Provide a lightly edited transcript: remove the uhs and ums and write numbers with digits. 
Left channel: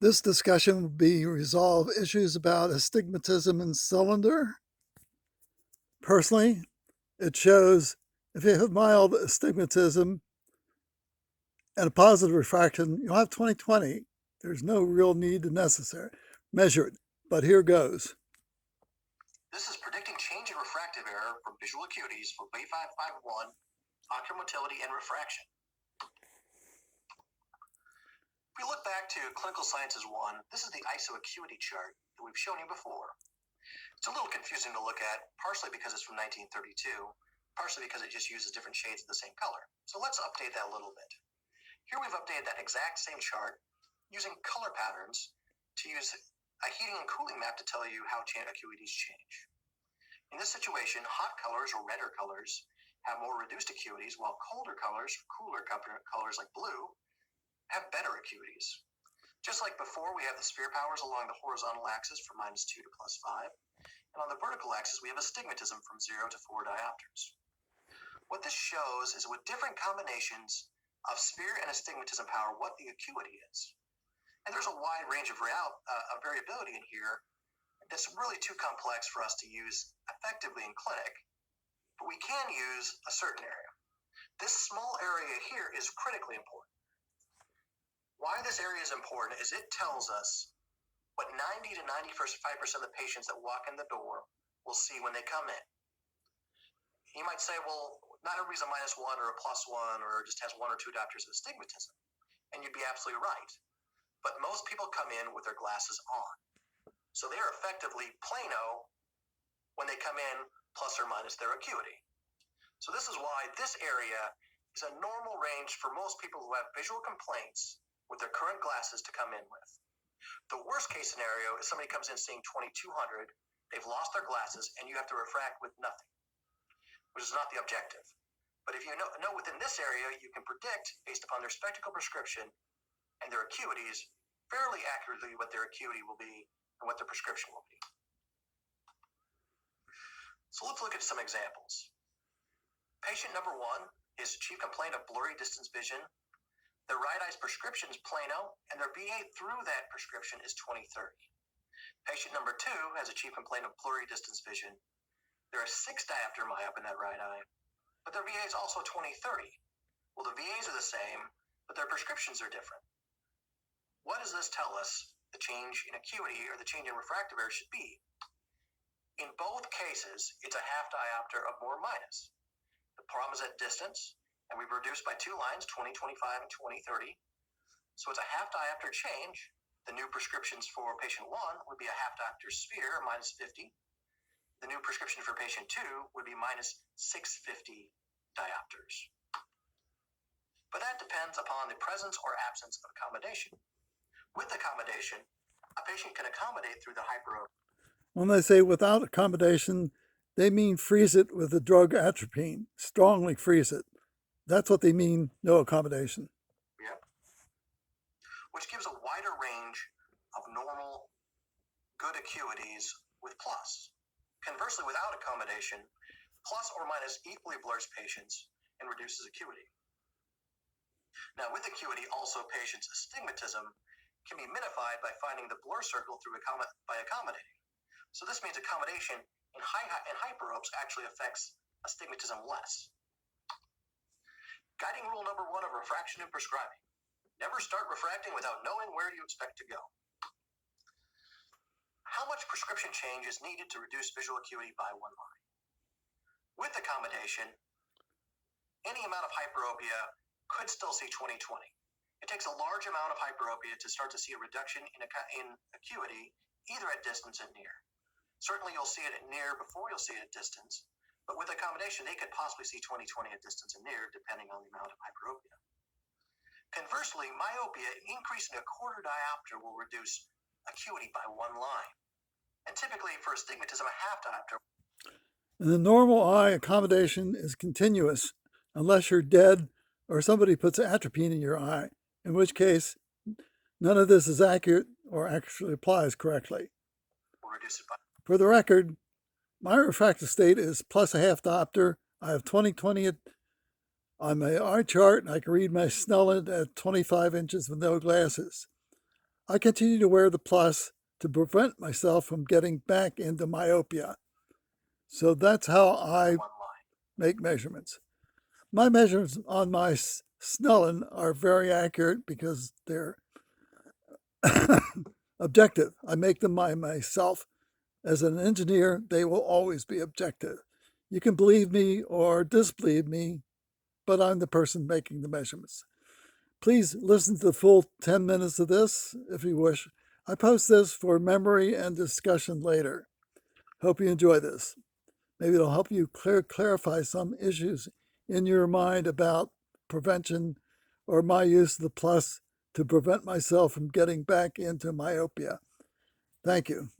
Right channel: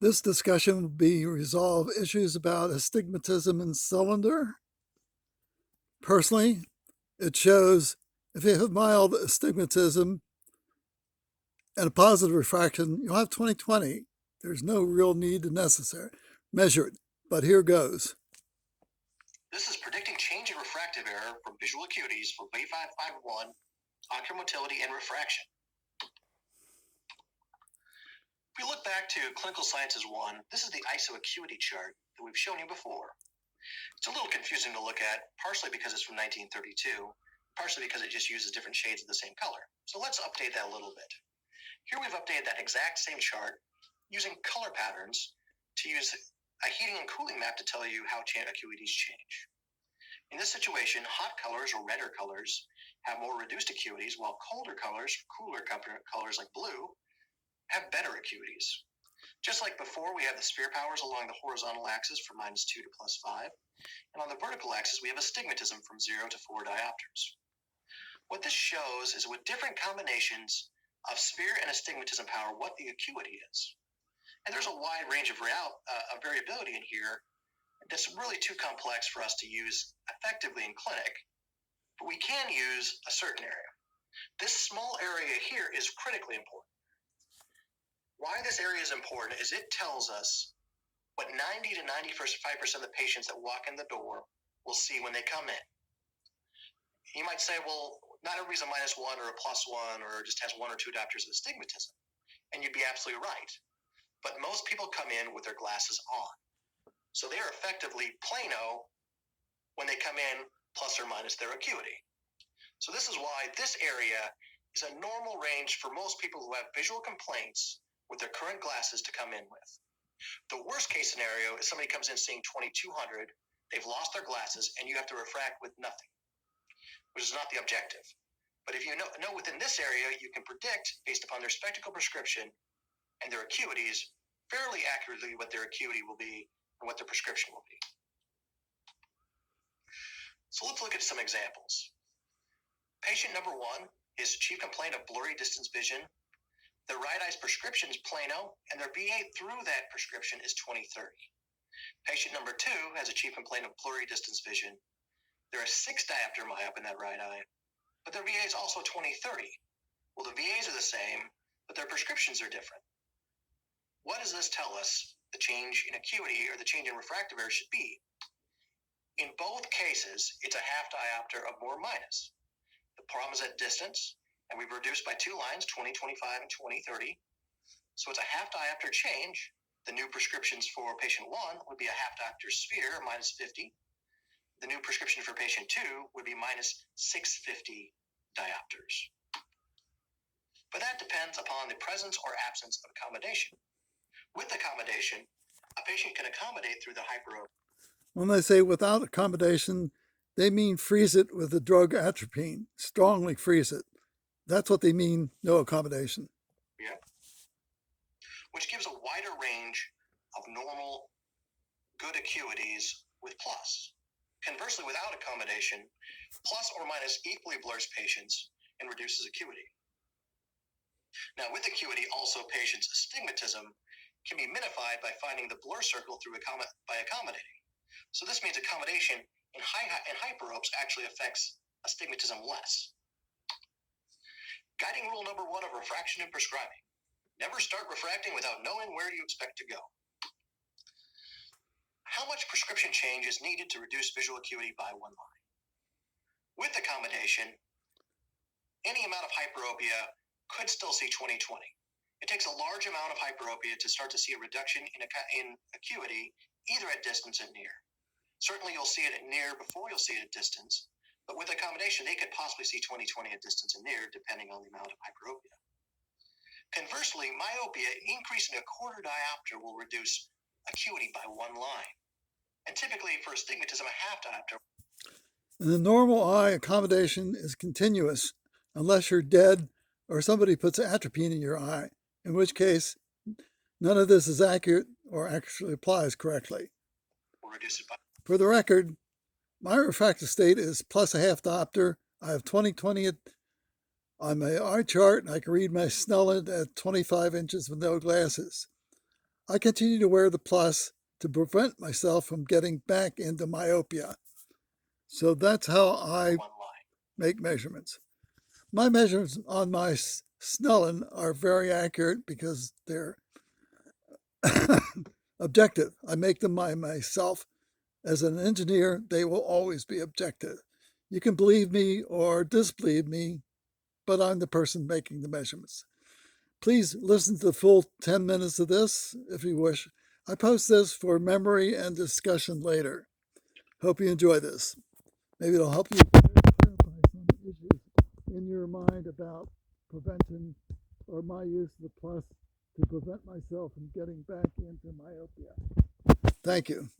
This discussion will be resolve issues about astigmatism in cylinder. Personally, it shows if you have mild astigmatism and a positive refraction, you'll have 20/20. There's no real need to necessary measure it, but here goes. This is predicting change in refractive error from visual acuities for wave 551, ocular motility, and refraction. If we look back to Clinical Sciences 1, this is the ISO acuity chart that we've shown you before. It's a little confusing to look at, partially because it's from 1932, partially because it just uses different shades of the same color. So let's update that a little bit. Here we've updated that exact same chart using color patterns to use a heating and cooling map to tell you how acuities change. In this situation, hot colors or redder colors have more reduced acuities, while colder colors, cooler colors like blue, have better acuities. Just like before, we have the sphere powers along the horizontal axis from -2 to +5, and on the vertical axis, we have astigmatism from 0 to 4 diopters. What this shows is with different combinations of sphere and astigmatism power, what the acuity is. And there's a wide range of variability in here that's really too complex for us to use effectively in clinic, but we can use a certain area. This small area here is critically important. Why this area is important is it tells us what 90 to 95% of the patients that walk in the door will see when they come in. You might say, well, not everybody's a -1 or a +1 or just has 1 or 2 diopters of astigmatism. And you'd be absolutely right. But most people come in with their glasses on. So they are effectively plano when they come in plus or minus their acuity. So this is why this area is a normal range for most people who have visual complaints with their current glasses to come in with. The worst case scenario is somebody comes in seeing 2200, they've lost their glasses, and you have to refract with nothing, which is not the objective. But if you know within this area, you can predict, based upon their spectacle prescription and their acuities, fairly accurately what their acuity will be and what their prescription will be. So let's look at some examples. Patient number 1, his chief complaint of blurry distance vision. Their right eye's prescription is plano, and their VA through that prescription is 20/30. Patient number 2 has a chief complaint of blurry distance vision. There are 6 diopter myop in that right eye, but their VA is also 20/30. Well, the VAs are the same, but their prescriptions are different. What does this tell us the change in acuity or the change in refractive error should be? In both cases, it's a half diopter of more minus. The problem is at distance, and we've reduced by 2 lines, 20/25 and 20/30. So it's a half diopter change. The new prescriptions for patient 1 would be a half diopter sphere, -50. The new prescription for patient 2 would be -650 diopters. But that depends upon the presence or absence of accommodation. With accommodation, a patient can accommodate through the hyperopia. When they say without accommodation, they mean freeze it with the drug atropine, strongly freeze it. That's what they mean, no accommodation. Yeah. Which gives a wider range of normal good acuities with plus. Conversely, without accommodation, plus or minus equally blurs patients and reduces acuity. Now, with acuity, also patients' astigmatism can be minified by finding the blur circle by accommodating. So this means accommodation in hyperopes actually affects astigmatism less. Guiding rule number 1 of refraction and prescribing. Never start refracting without knowing where you expect to go. How much prescription change is needed to reduce visual acuity by 1 line? With accommodation, any amount of hyperopia could still see 20/20. It takes a large amount of hyperopia to start to see a reduction in acuity, either at distance and near. Certainly you'll see it at near before you'll see it at distance, but with accommodation, they could possibly see 20/20 at distance and near, depending on the amount of hyperopia. Conversely, myopia increasing a quarter diopter will reduce acuity by 1 line. And typically for astigmatism, a half diopter. In the normal eye, accommodation is continuous unless you're dead or somebody puts atropine in your eye, in which case none of this is accurate or actually applies correctly. Will reduce it by. For the record, my refractive state is plus a half diopter. I have 20/20 on my eye chart, and I can read my Snellen at 25 inches with no glasses. I continue to wear the plus to prevent myself from getting back into myopia. So that's how I make measurements. My measurements on my Snellen are very accurate because they're objective. I make them by myself. As an engineer, they will always be objective. You can believe me or disbelieve me, but I'm the person making the measurements. Please listen to the full 10 minutes of this if you wish. I post this for memory and discussion later. Hope you enjoy this. Maybe it'll help you clarify some issues in your mind about prevention or my use of the plus to prevent myself from getting back into myopia. Thank you.